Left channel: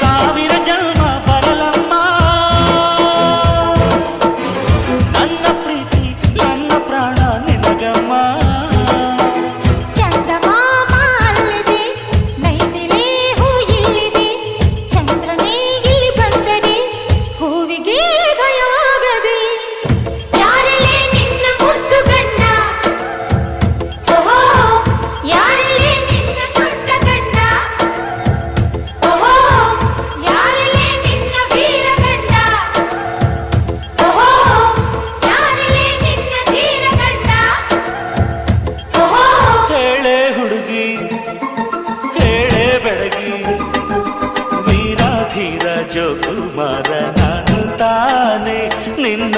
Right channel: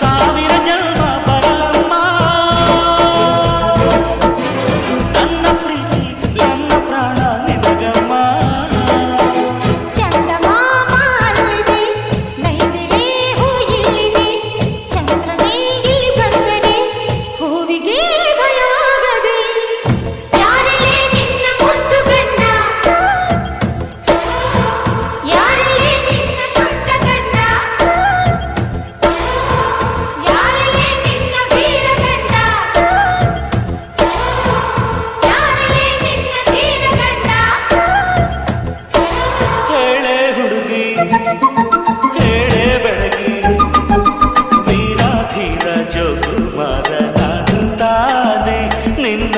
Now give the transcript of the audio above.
ಸಾವಿರ ಜನ್ಮ ಬರಲಮ್ಮ ನನ್ನ ಪ್ರೀತಿ ನನ್ನ ಪ್ರಾಣ ನಿನಗಮ್ಮ. ಚಂದಮಾಮ ಅಲ್ಲಿದೆ, ನೈದಿಲೆ ಹೂ ಇಲ್ಲಿದೆ, ಚಂದ್ರನೇ ಇಲ್ಲಿ ಬಂದರೆ ಹೂವಿಗೆ ಭಯವಾಗದೆ. ಯಾರಲ್ಲೇ ನಿನ್ನ ಮುದ್ದು ಗಂಡ, ಯಾರಲ್ಲೇ ನಿನ್ನ ದೊಡ್ಡ ಗಂಡ, ಯಾರಲ್ಲೇ ನಿನ್ನ ವೀರ ಗಂಡ, ಯಾರಲ್ಲೇ ನಿನ್ನ ಧೀರ ಗಂಡ. ಹೇಳೆ ಹುಡುಗಿ ಹೇಳೆ ಬೆಳಗಿ, ವೀರ ಧೀರ ಜೋಕುಮಾರ ನಾನು ತಾನೆ ನಿನ್ನ